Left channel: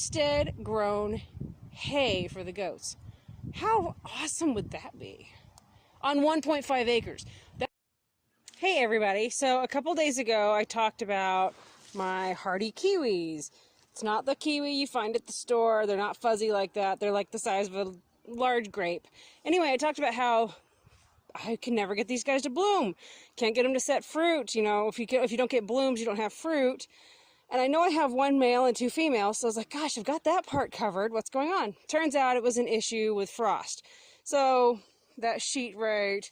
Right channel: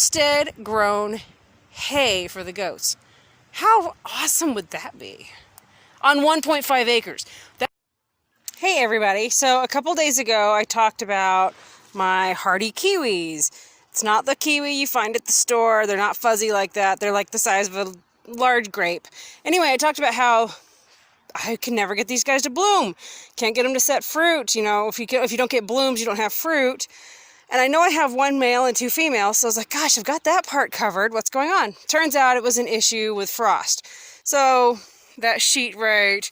homestead grown hay for the goats. How awesome would that be? On 1.5 acres. Hey everybody, so a couple days ago I talked about my Hardy Kiwis. It's not the kiwi you find at the store. They're not fuzzy like that. They're like the size of a large grape. Anyway, I talked about how I can never get these guys to bloom. Can't get them to set fruit. You know, if you don't get blooms, you don't have fruit. And I know I have one male and 2 females, so I was like, gosh, I've got that part covered. What's going on? Turns out it was an issue with frost. So that sheet right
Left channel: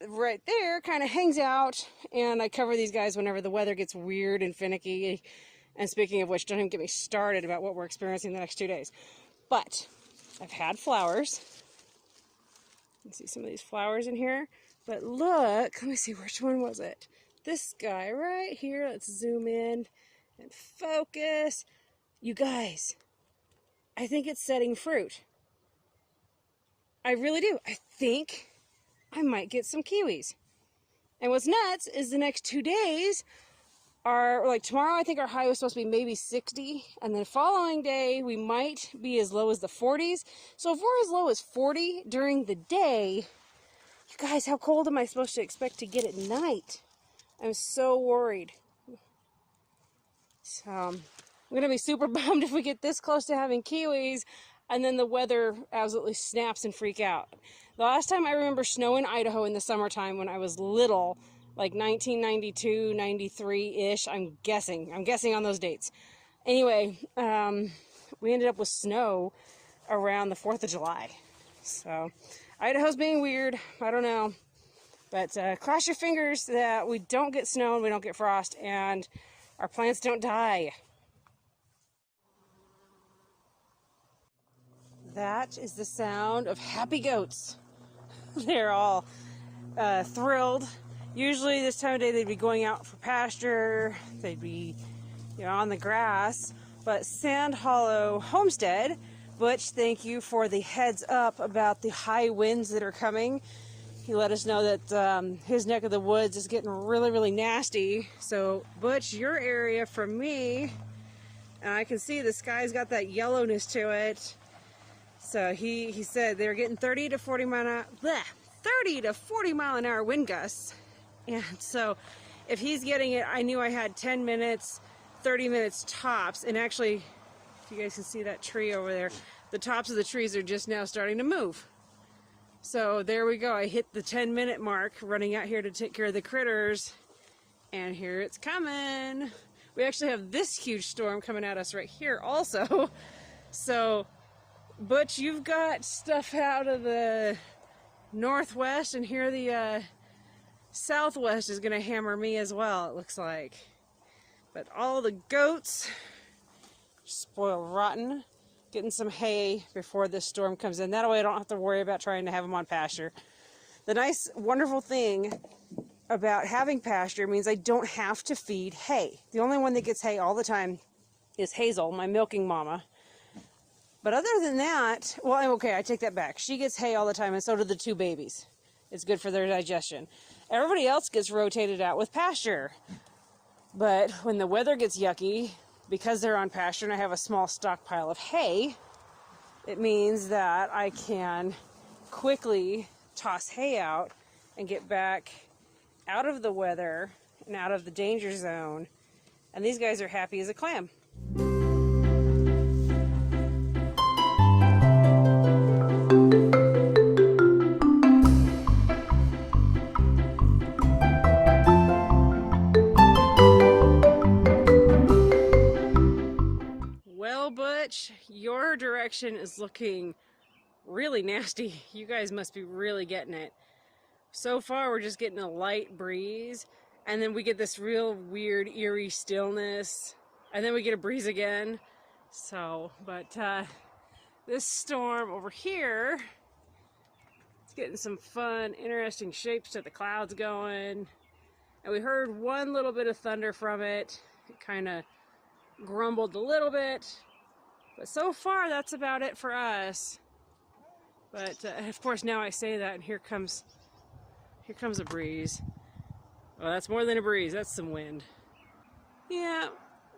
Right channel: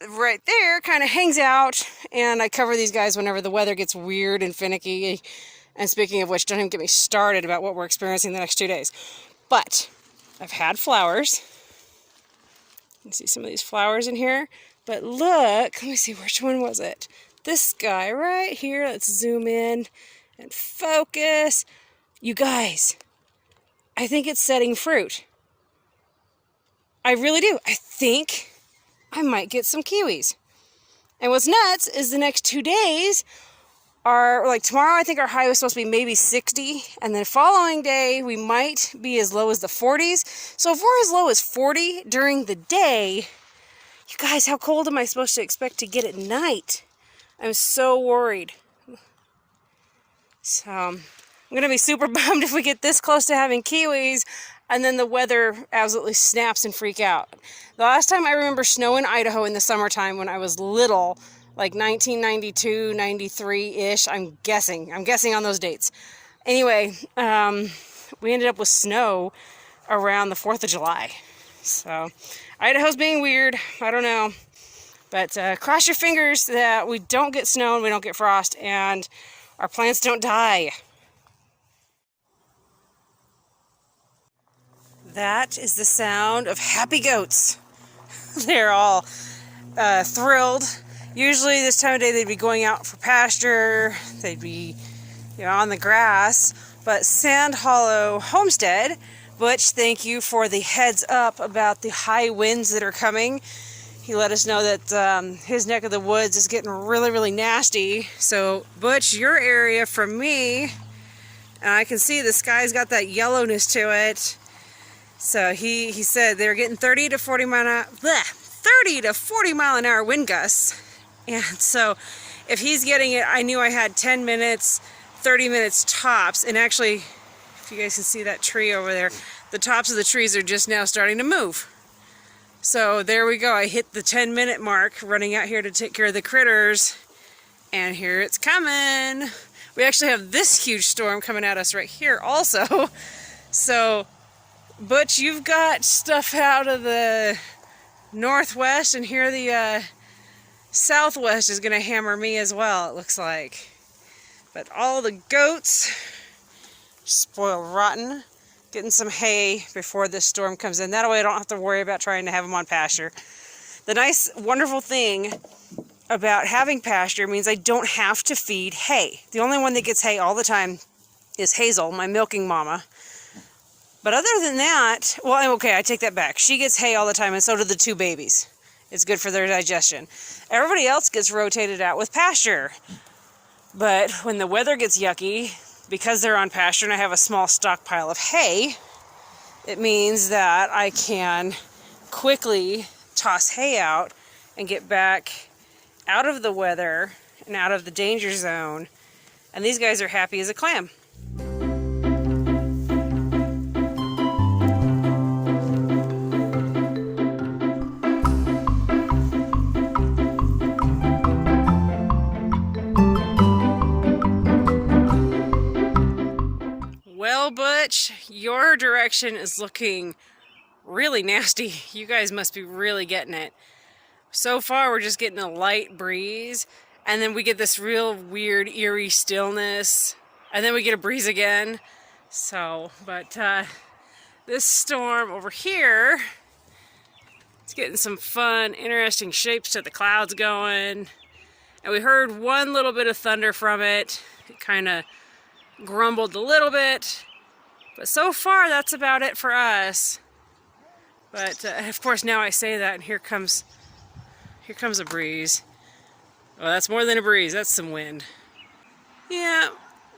there kind of hangs out, and I cover these guys whenever the weather gets weird and finicky. And speaking of which, don't even get me started about what we're experiencing the next 2 days. But I've had flowers. You can see some of these flowers in here. But look, let me see, which one was it? This guy right here. Let's zoom in and focus. You guys, I think it's setting fruit. I really do. I think I might get some kiwis. And what's nuts is the next 2 days are, like tomorrow I think our high was supposed to be maybe 60, and then following day we might be as low as the 40s. So if we're as low as 40 during the day, you guys, how cold am I supposed to expect to get at night? I'm so worried. So I'm gonna be super bummed if we get this close to having kiwis and then the weather absolutely snaps and freak out. The last time I remember snow in Idaho in the summertime when I was little, like 1992, 93-ish, I'm guessing on those dates. Anyway, we ended up with snow around the 4th of July. So Idaho's being weird, I don't know. But cross your fingers that we don't get snow and we don't get frost and our plants don't die. That is the sound of happy goats. They're all thrilled. Usually this time of day they'd be going out for pasture, they'd be, you know, on the grass. But Sand Hollow Homestead, Butch, thank you for the heads up about the high winds that are coming. He let us know that his neck of the woods is getting really, really nasty. So Butch, your area from me, and I can see the sky's got that yellowness to it. So he said they're getting 30 to 40 mile an hour wind gusts. And so if he's getting it, I knew I had 10 minutes, 30 minutes tops. And actually, if you guys can see that tree over there, the tops of the trees are just now starting to move. So there we go. I hit the 10-minute mark running out here to take care of the critters. And here it's coming. We actually have this huge storm coming at us right here also. So, Butch, you've got stuff out of the northwest, and here the southwest is going to hammer me as well, it looks like. But all the goats, spoiled rotten, getting some hay before this storm comes in. That way I don't have to worry about trying to have them on pasture. The nice, wonderful thing about having pasture means I don't have to feed hay. The only one that gets hay all the time is Hazel, my milking mama. But other than that, well, okay, I take that back. She gets hay all the time, and so do the 2 babies. It's good for their digestion. Everybody else gets rotated out with pasture. But when the weather gets yucky, because they're on pasture and I have a small stockpile of hay, it means that I can quickly toss hay out and get back out of the weather and out of the danger zone. And these guys are happy as a clam. Butch, your direction is looking really nasty. You guys must be really getting it. So far we're just getting a light breeze, and then we get this real weird eerie stillness, and then we get a breeze again. So, but this storm over here, it's getting some fun, interesting shapes to the clouds going. And we heard one little bit of thunder from it. It kind of grumbled a little bit. But so far, that's about it for us. But of course, now I say that, and here comes a breeze. Well, that's more than a breeze. That's some wind. Yeah,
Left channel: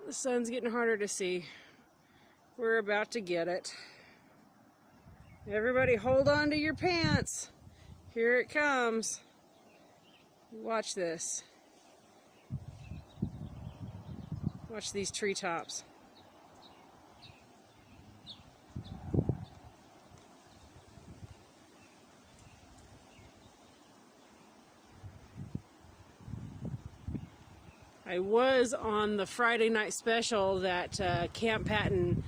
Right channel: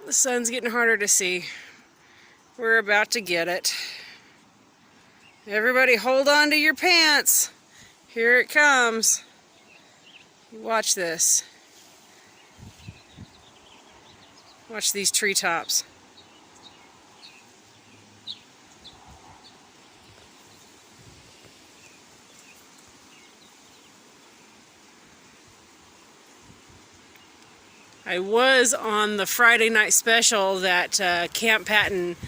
the sun's getting harder to see. We're about to get it. Everybody hold on to your pants. Here it comes. Watch this. Watch these treetops. I was on the Friday night special that Camp Patton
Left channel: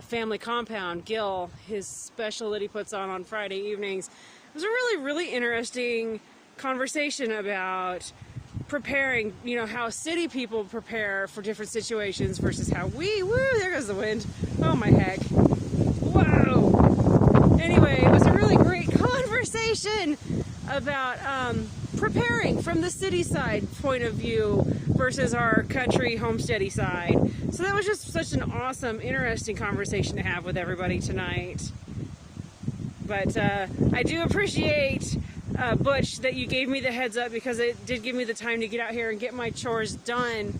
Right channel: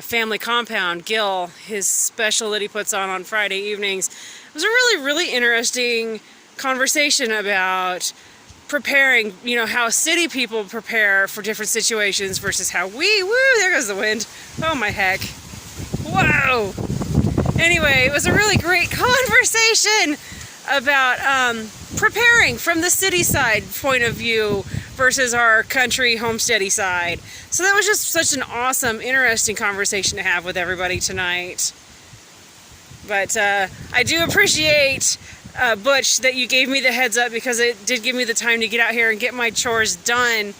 family compound, Gil, his special that he puts on Friday evenings. It was a really interesting conversation about preparing, you know, how city people prepare for different situations versus how there goes the wind. Oh my heck. Whoa. Anyway, it was a really great conversation about preparing from the city side point of view versus our country homesteady side. So that was just such an awesome, interesting conversation to have with everybody tonight. But I do appreciate, Butch, that you gave me the heads up, because it did give me the time to get out here and get my chores done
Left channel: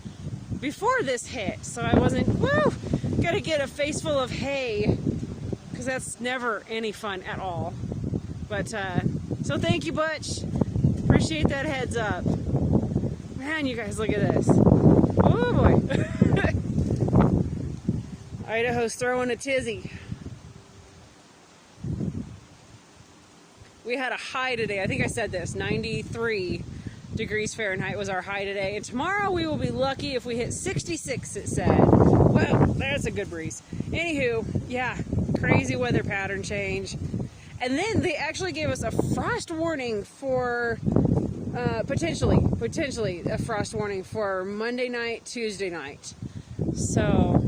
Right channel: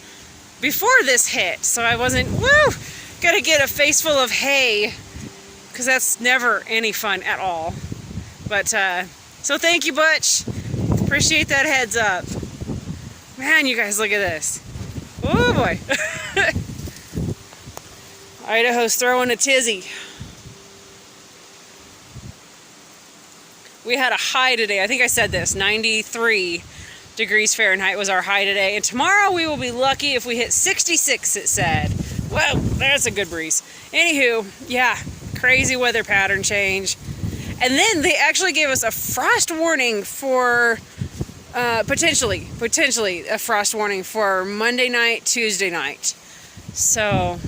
before this hit. So I wasn't, gotta get a face full of hay, because that's never any fun at all. But, so thank you, Butch. Appreciate that heads up. Man, you guys, look at this. Oh boy. Idaho's throwing a tizzy. We had a high today. I think I said this. 93 degrees Fahrenheit was our high today. And tomorrow we will be lucky if we hit 66, it said. Well, that's a good breeze. Anywho, yeah, crazy weather pattern change. And then they actually gave us a frost warning for, potentially a frost warning for Monday night, Tuesday night. So,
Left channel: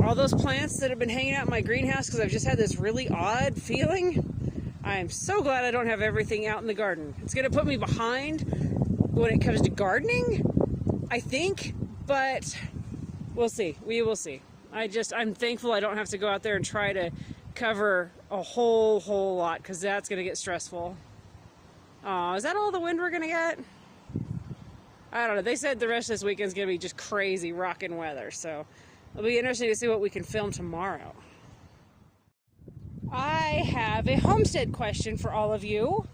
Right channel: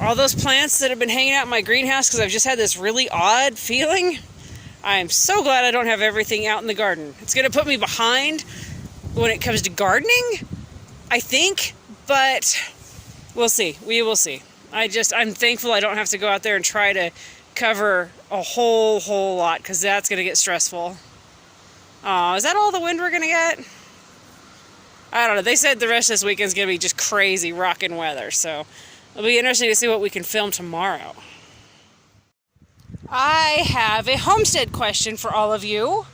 all those plants that have been hanging out in my greenhouse, because I've just had this really odd feeling, I'm so glad I don't have everything out in the garden. It's going to put me behind when it comes to gardening, I think, but we'll see. We will see. I'm thankful I don't have to go out there and try to cover a whole lot, because that's going to get stressful. Oh, is that all the wind we're going to get? I don't know. They said the rest of this weekend's going to be just crazy rockin' weather, so it'll be interesting to see what we can film tomorrow. I have a homestead question for all of you.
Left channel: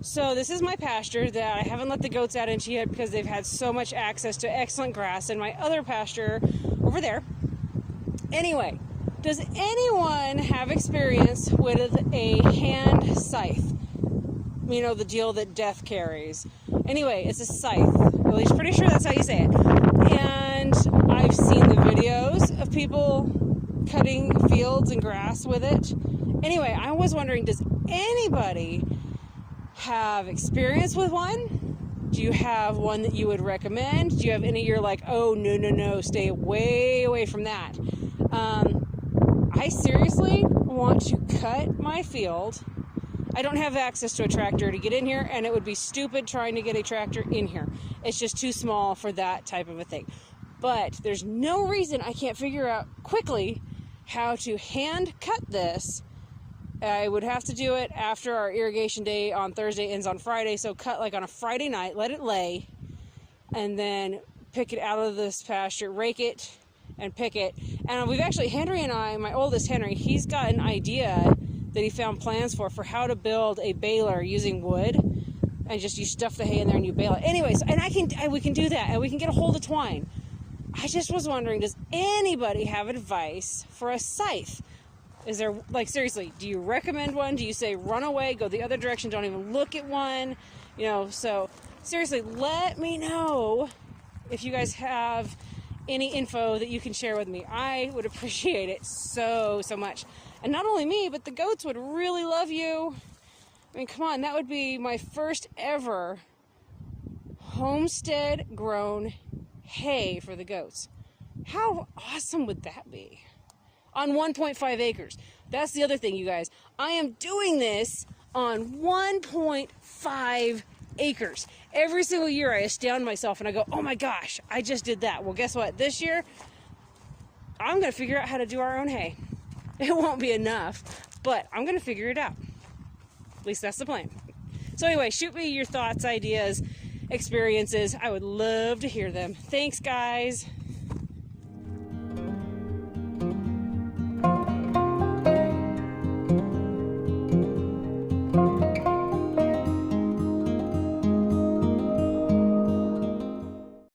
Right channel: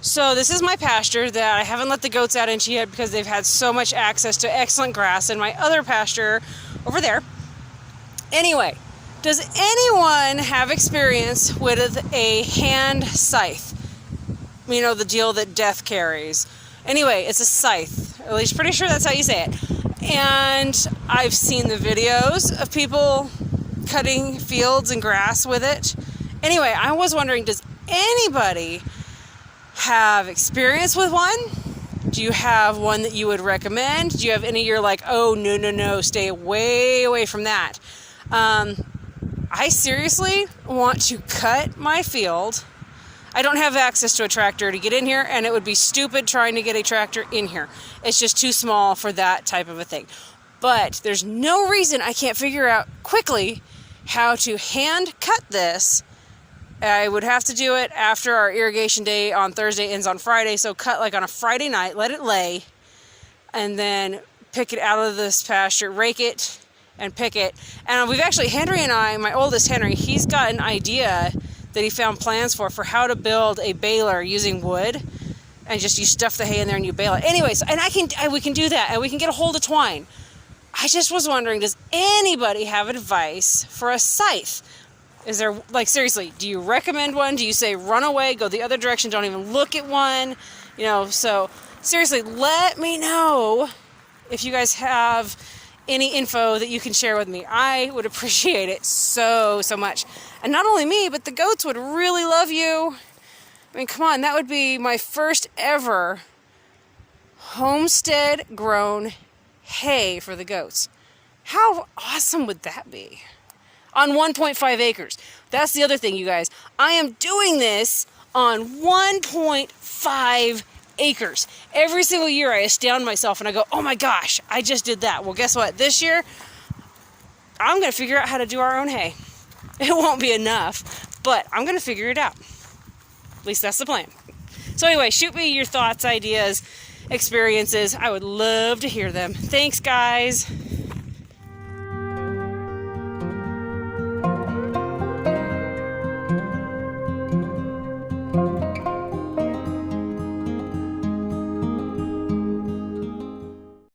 So this is my pasture that I haven't let the goats out into yet because they've had so much access to excellent grass in my other pasture over there. Anyway, does anyone have experience with a hand scythe? You know, the deal that death carries. Anyway, it's a scythe. At least pretty sure that's how you say it. And I've seen the videos of people cutting fields and grass with it. Anyway, I was wondering, does anybody have experience with one? Do you have one that you would recommend? Do you have any you're like, oh, no, stay way away from that? I seriously want to cut my field. I don't have access to a tractor to get in here, and it would be stupid trying to get a tractor in here. It's just too small for that type of a thing. But there's no reason I can't figure out quickly how to hand cut this. I would have to do it after our irrigation day on Thursday ends on Friday, so cut like on a Friday night, let it lay, and then pick it out of this pasture, rake it, and pick it. And we've actually, Henry and I, my oldest Henry, he's got an idea that he found plans for how to build a baler using wood, and just you stuff the hay in there and you bale it. Anyways, and we can do that, and we can get a hold of twine. I just was wondering, does anybody have advice for a scythe? Is there, like, seriously, do you recommend one? Do you say run away, go the other direction, don't even look at one? You know, so seriously, let me know if you guys have any info that you can share with me. I would appreciate it so much. And not only me, but the goats would really love you. I mean, come on, that would be my first ever homestead grown hay for the goats. How awesome would that be? On 1.5 acres. That's the other thing, you guys. I am doing this on 1.5 acres. Every single year I astound myself and I go, oh my gosh, I just did that. Well, guess what? This year, I'm going to figure out how to do our own hay. It won't be enough, but I'm going to figure it out. At least that's the plan. So anyway, shoot me your thoughts, ideas, experiences. I would love to hear them. Thanks, guys.